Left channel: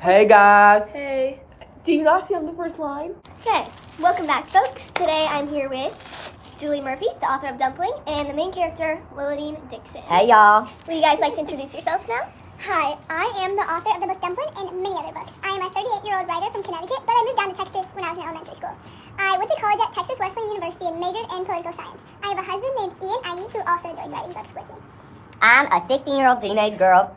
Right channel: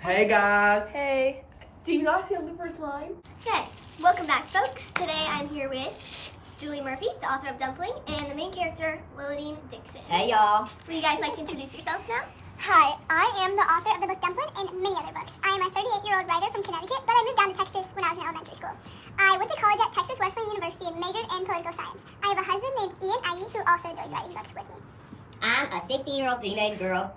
Hey guys. Hey. Do you not see on the first line? Okay, welcome back, folks. Today I'm here with Julie Murphy, the author of Dumpling, and the main character, Willadine Dixon. Hey y'all. Would you guys like to introduce yourselves now? Hi, I am the author of the book Dumpling and many other books. I am a 38-year-old writer from Connecticut, but I moved down to Texas when I was in elementary school. I went to college at Texas Wesleyan University and majored in political science. I have a husband named Ian Ivey who also enjoys writing books with me. I'm a 16-year-old teenage girl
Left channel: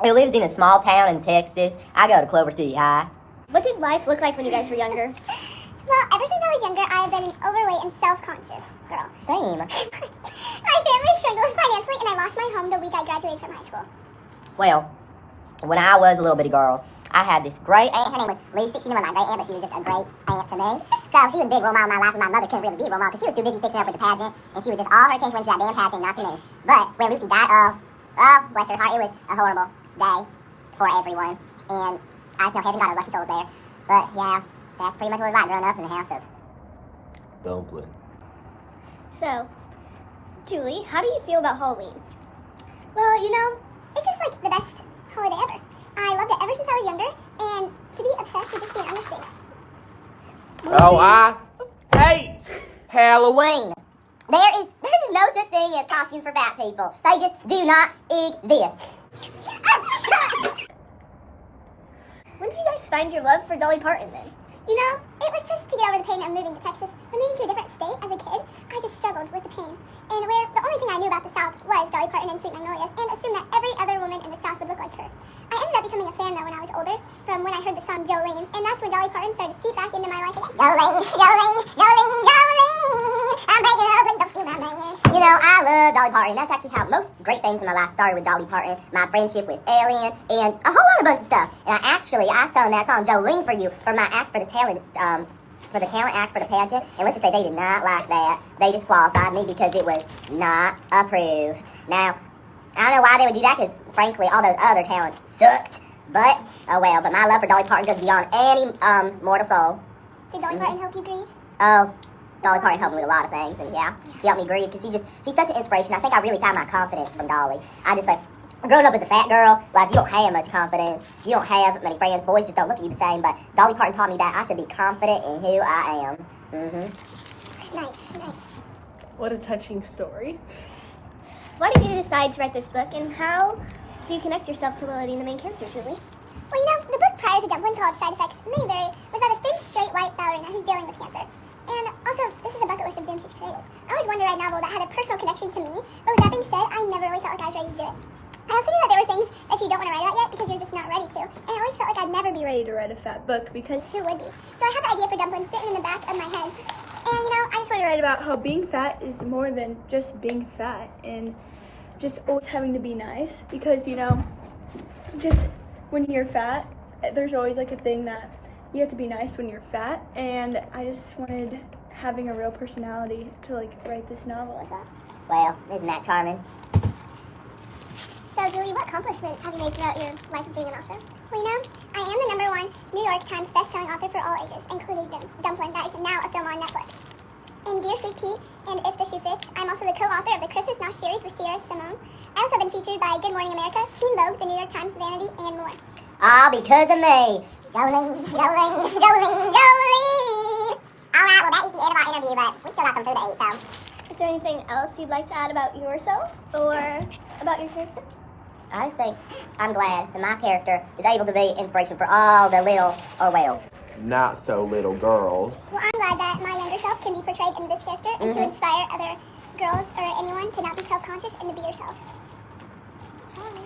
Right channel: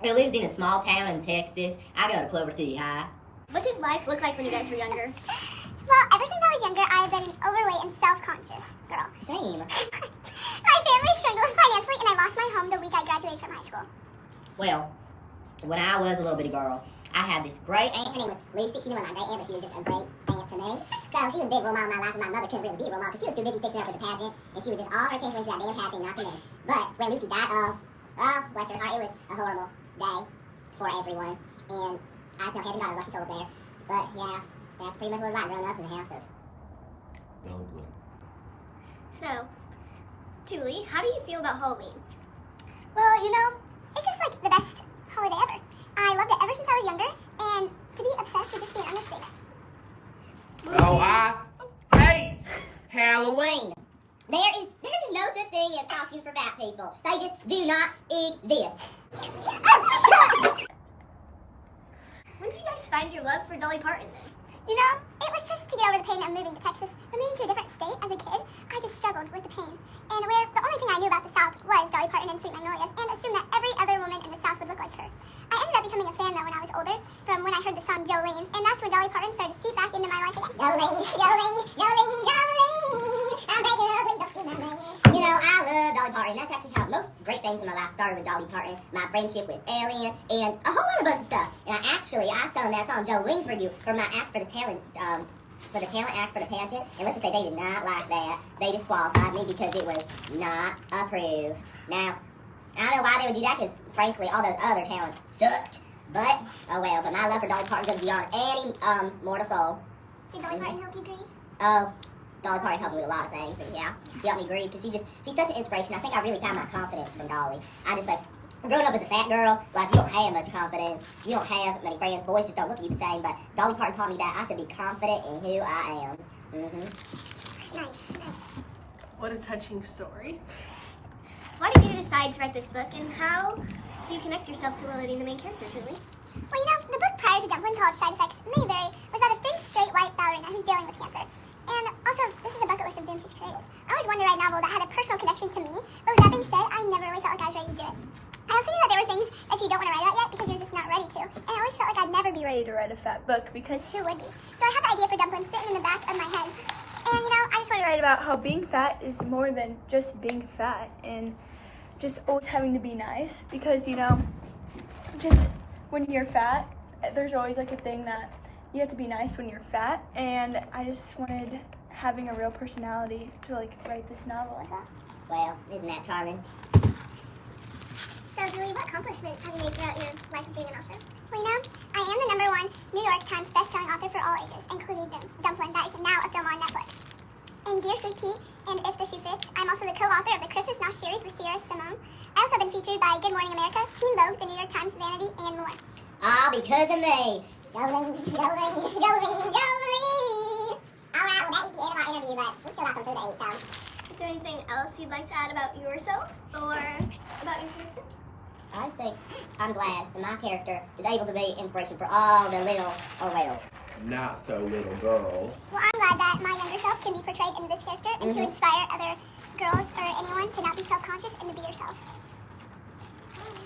who lives in a small town in Texas. I go to Clover City High. What did life look like when you guys were younger? Well, ever since I was younger, I have been an overweight and self-conscious girl. Same. My family struggled financially and I lost my home the week I graduated from high school. Well, when I was a little bitty girl, I had this great aunt. Her name was Lucy. She was my great aunt, but she was just a great aunt to me. So she was a big role model in my life, and my mother couldn't really be a role model because she was too busy fixing up with the pageant, and she was just all her attention went to that damn pageant, not to me. But when Lucy died, oh, bless her heart, it was a horrible day for everyone. And I just know heaven got a lucky soul there. But yeah, that's pretty much what it was like growing up in the house of Dumpling. So, Julie, how do you feel about Halloween? Well, you know, it's just like the best holiday ever. I loved it ever since I was younger, and to be obsessed would just be an understatement. Oh, I hate Halloween. There's just no such thing as costumes for fat people. They just do not exist. When did you guys find your love for Dolly Parton then? You know, it was just to get over the pain of moving to Texas. When moving to a different state as a kid, I just struggled with the pain. And where the only thing I knew about the South was Dolly Parton and Sweet Magnolias, and assumed that every other woman in the South would look like her. I ended up becoming a fan though when I was older, from when I heard the song Jolene, and that's when Dolly Parton started to seep back into my life again. Jolene, Jolene, Jolene, Jolene, I'm begging her, please don't do my man. You know, I love Dolly Parton. That's actually how most great things in my life started with Dolly Parton. My friendship with Alien and a whole other bunch of stuff. And I sung that song Jolene for you for my act for the talent act for the pageant. And let's just say they did not like that. They disqualified me because it was not approved. Now, I don't know why they would do that because frankly all those other talents sucked. But oh well. But my love for Dolly Parton goes beyond any mortal soul. Did Dolly Parton help you grieve? Oh, Dolly Parton helped me with a lot of things, and yeah, she helped me grieve because she's such an inspiration. I think I really got my confidence from Dolly. I just like, growing up as a fat girl, like you don't have much confidence. You don't have many friends. Boys just don't look at you the same. But Dolly Parton taught me that I should be confident in who I am. Nice. What a touching story. Why did you decide to write this book, and how do you connect yourself to Willadine, the main character, Julie? Well, you know, the book prior to Dumpling called Side Effects Mayberry was about a thin, straight, white ballerina who's dealing with cancer. And also, this is a bucket list of doom she's created. I always wanted to write a novel that had a personal connection to me, but with that being said, I never really felt like I was ready to do it. I also knew that there were things that you don't want to write about yet because you're just not ready to. And I always felt like I'd never be ready Ready to write a fat book because who would be. So I had the idea for Dumpling sitting in the back of my head. And you know, I just I write about how being fat is more than just being fat and just always having to be nice because, you know, just when you're fat, there's always like a thing that you have to be nice when you're fat, and I just wanted having a real personality to like write this novel like that. Well, isn't that charming? So, Julie, what accomplishments have you made throughout your life of being an author? Well, you know, I am the #1 New York Times best-selling author for all ages, including Dumpling, that is now a film on Netflix. In Dear Sweet Pea and If the Shoe Fits, I'm also the co-author of the Christmas Now series with Sierra Simone. I also have been featured by Good Morning America, Teen Vogue, the New York Times, Vanity, and more. All because of me. Jolene, Jolene, Jolene, Jolene! Alright, well, that is the end of our interview, but we still got some food to eat, so... Is there anything else you'd like to add about yourself or about your character? I just think I'm glad that my character is able to be inspiration for all the little, or well, not so little girls. Well, I'm glad that my younger self can be portrayed in this character and to inspire other girls or anyone to not be self-conscious and to be yourself.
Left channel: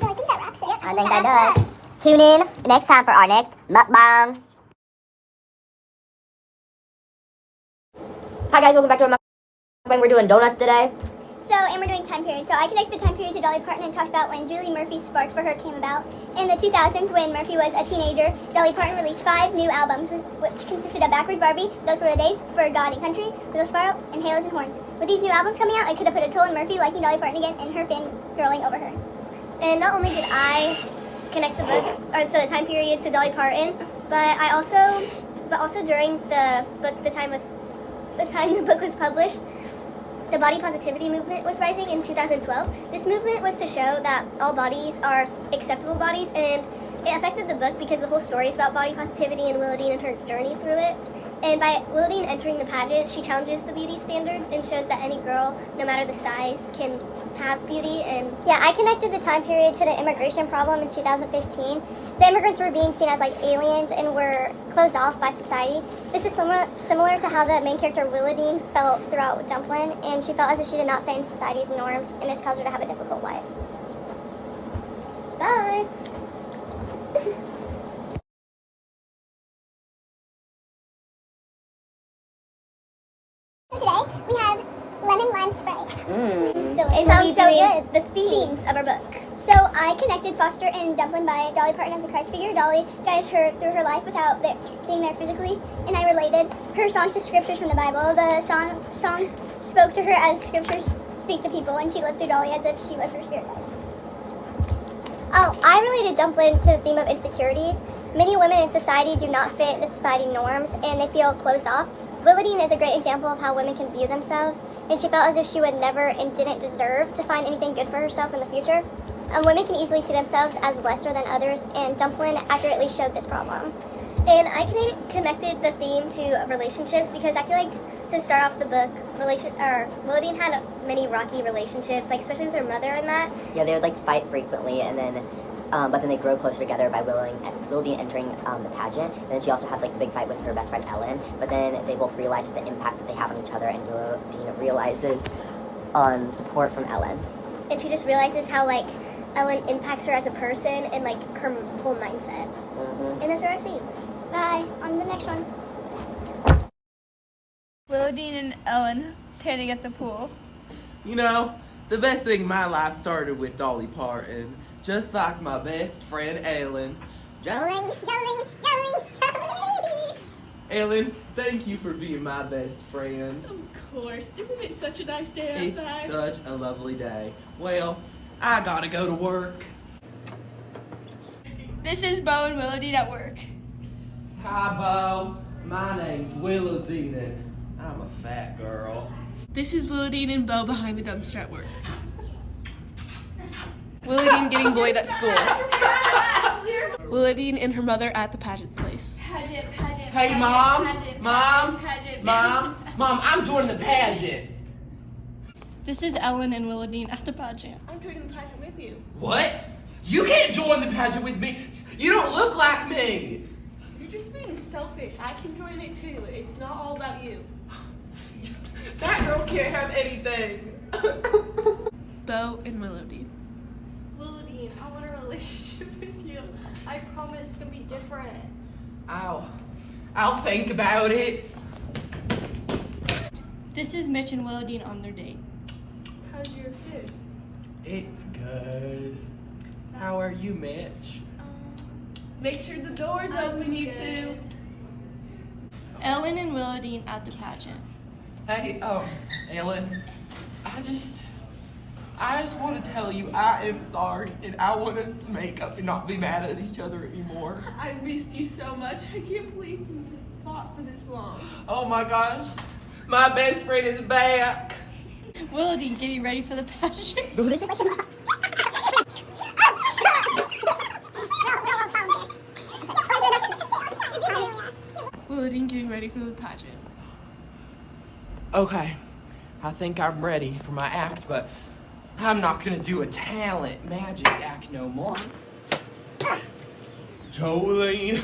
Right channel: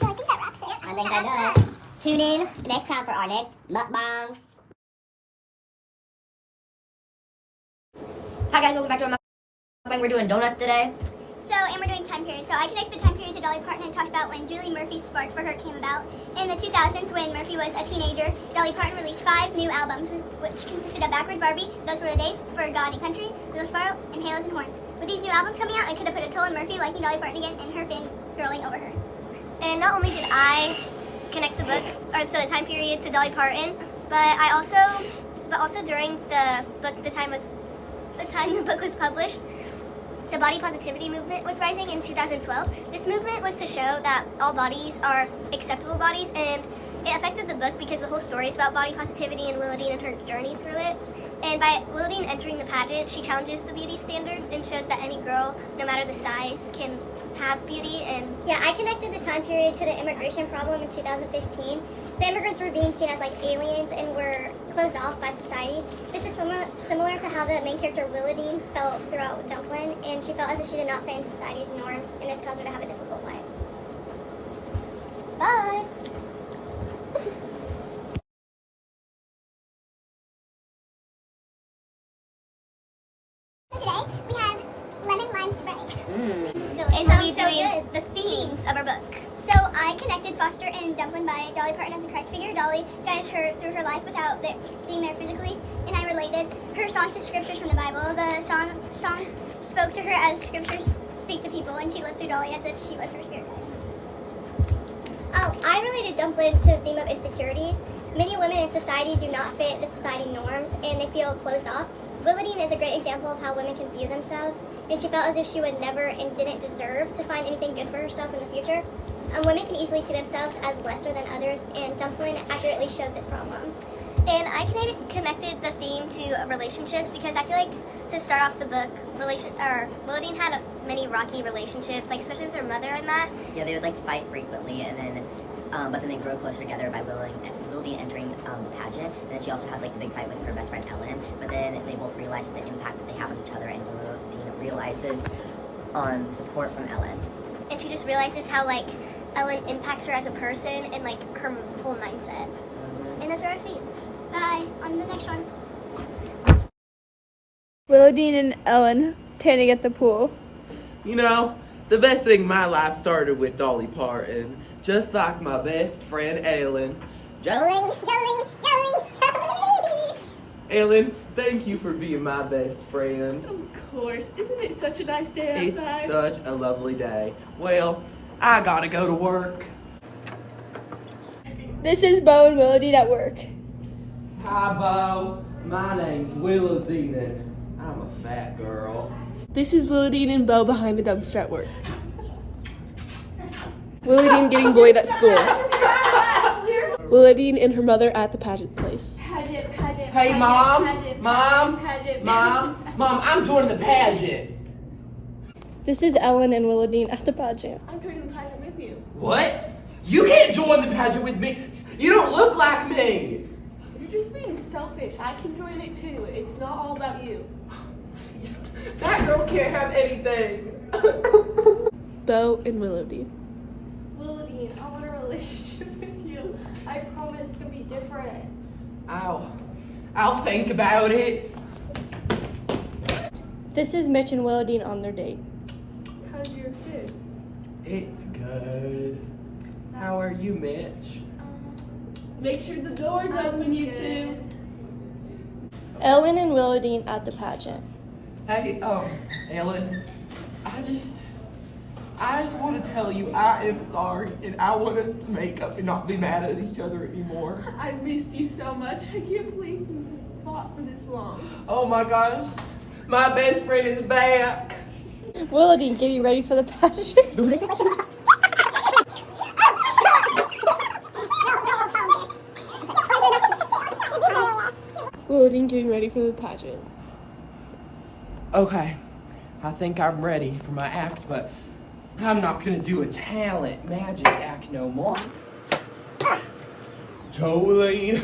So I think that wraps it. Yep, I think that does. Tune in next time for our next mukbang. Hi guys, welcome back to our mukbang. We're doing donuts today. So, and we're doing time period. So I connected the time period to Dolly Parton and talked about when Julie Murphy's spark for her came about. In the 2000s, when Murphy was a teenager, Dolly Parton released 5 new albums, which consisted of Backwards Barbie, Those Were the Days, For God and Country, Little Sparrow, and Halos and Horns. With these new albums coming out, it could have put a toll on Murphy liking Dolly Parton again and her fangirling over her. And not only did I connect the book, or the time period to Dolly Parton, but also during the book, the time the book was published, the body positivity movement was rising in 2012. This movement was to show that all bodies are acceptable bodies, and It affected the book because the whole story is about body positivity and Willowdean and her journey through it. And by Willowdean entering the pageant, she challenges the beauty standards and shows that any girl, no matter the size, can have beauty. And Yeah, I connected the time period to the immigration problem in 2015. The immigrants were being seen as like aliens and were closed off by society. This is similar to how the main character Willowdean felt throughout Dumplin', and she felt as if she did not fit in society's norms, and this caused her to have a difficult life. Bye! so today we have lemon lime spray. It And we'll sounds be so doing good. the themes of our book. So I connected Foster and Dumplin' by Dolly Parton as a Christ figure. Dolly guided her through her life without being there physically, and I related her songs to scriptures from the Bible. The songs spoke to her as scriptures speak to people, and she lived through Dolly as if she was her spirit guide. Oh, I related Dumplin' to the theme of insecurities. Many women in society do not fit the society norms, and they feel closed off. Willowdean is a great example of how women can view themselves, and she felt as if she would never and didn't deserve to find anything good for herself in the future. Women can easily see themselves as lesser than others, and Dumplin' accurately showed this problem. And I connected the theme to relationships because I feel like to start off the book, Willowdean had many rocky relationships, like especially with her mother and that. Yeah, they would like fight frequently, and then, but then they grow closer together by Willowdean entering the pageant. And then she also had like the big fight with her best friend Ellen. But then they both realize the impact that they have on each other, and Willowdean realizes on support from Ellen. And she just realizes how like Ellen impacts her as a person and like her whole mindset. And those are our themes. Bye. On to the next one. Willowdean and Ellen tanning at the pool. You know, the best thing in my life started with Dolly Parton. Just like my best friend Ellen. Jolie! Ellen, thank you for being my best friend. Of course. Isn't it such a nice day It's outside? such a lovely day. Well, I gotta go to work. This is Bo and Willowdean at work. Hi, Bo. My name's Willowdean, and I'm a fat girl. This is Willowdean and Bo behind the dumpster at work. Willowdean getting bullied at school. Willowdean and her mother at the pageant place. Hey, Mom. Mom. Mom, I'm joining the pageant. This is Ellen and Willowdean at the pageant. I'm joining the pageant with you. What? You can't join the pageant with me. You don't look like me. You're just being selfish. I can join it too. It's not all about you. Fat girls can't have anything. Bo and Willowdean. Willowdean, I want a relationship with you. I promise it's gonna be different. I'll think about it. This is Mitch and Willowdean on their date. How's your food? It's good. How are you, Mitch? Make sure the door's open, you two. Ellen and Willowdean at the pageant. Hey, Ellen, I just want to tell you I am sorry, and I want us to make up and not be mad at each other anymore. I missed you so much. I can't believe we fought for this long. Oh my gosh, my best friend is back. Willowdean, get you ready for the pageant. Willowdean, getting ready for the pageant. Okay, I think I'm ready for my act, but I'm not gonna do a talent magic act no more. Jolene,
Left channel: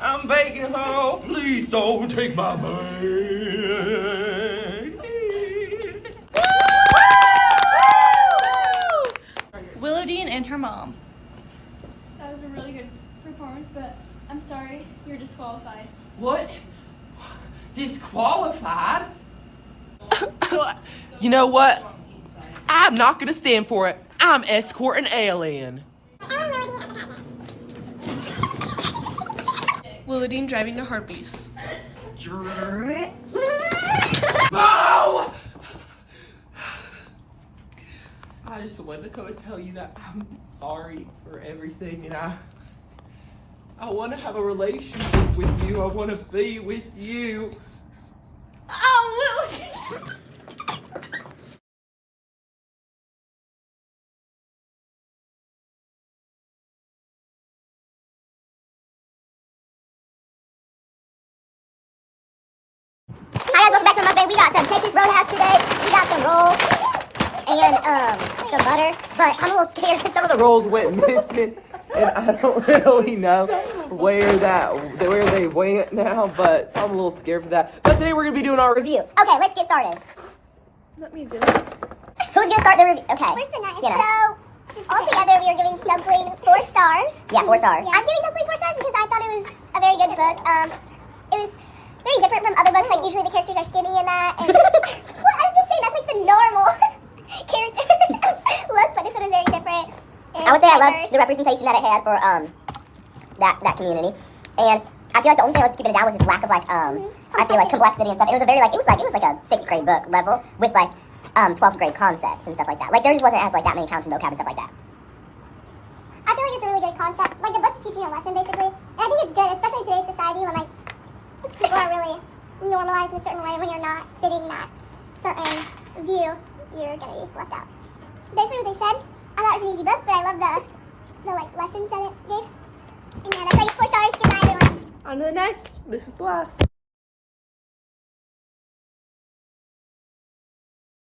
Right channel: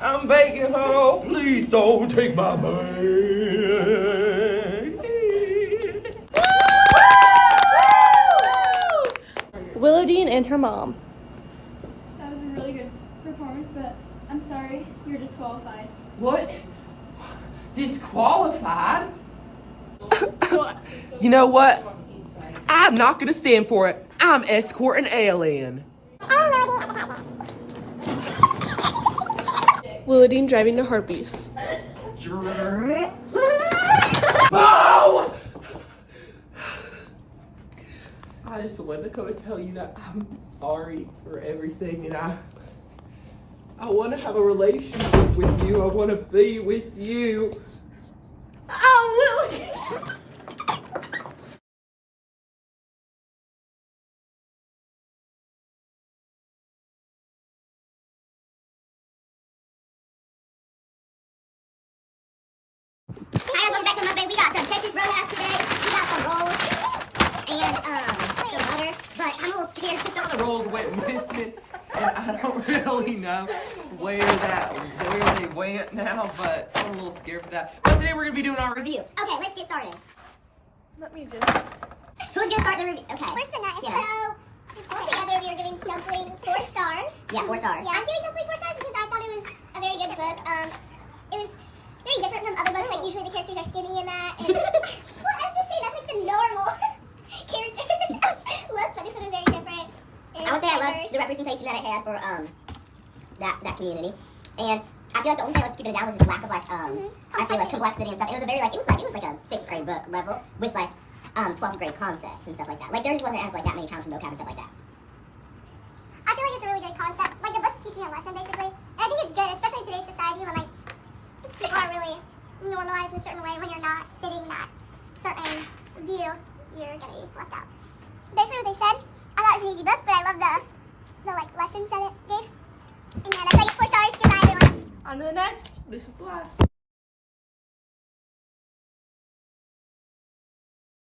I'm begging her, oh, please don't take my man. Willowdean and her mom. That was a really good performance, but I'm sorry, you're disqualified. What? Disqualified? You know what? I'm not gonna stand for it. I'm escorting Alien. Willowdean driving to Harpies. Bo! I just wanted to come and tell you that I'm sorry for everything, and I want to have a relationship with you. I want to be with you. Oh, Willowdean! guys, welcome back to my thing. We got some Texas Roadhouse today. We got some rolls and some butter. But I'm a little scared because some of The rolls went missing, and I don't really know where they went now, but so I'm a little scared for that. But today we're gonna be doing our review. review. Okay, let's get started. Let me just. Who's gonna start the review? Okay. First the knife. Kiana. So, altogether, we are giving Snowflake 4 stars. Yeah, 4 stars. I'm giving Snowflake 4 stars because I thought it was a very good book. It was very different from other books. Like usually the characters are skinny and that. And well, I'm just saying that's like the normal character look, but this one is very different. I would say I love the representation that it had for that community, and I feel like the only thing that was keeping it down was its lack of like I feel like complexity and stuff. It was a very like it was like a 6th grade book level with like 12th grade concepts and stuff like that. Like there just wasn't as like that many challenging vocab and stuff like that. I feel like it's a really good concept. Like the book's teaching a lesson basically. And I think it's good, especially in today's society when like people are really normalized in a certain way. When you're not fitting that certain view, you're gonna be left out. Basically what they said, I thought it was an easy book, but I love the like lessons that it gave. And yeah, that's like 4 stars. Goodbye everyone. On to the next. This is the last.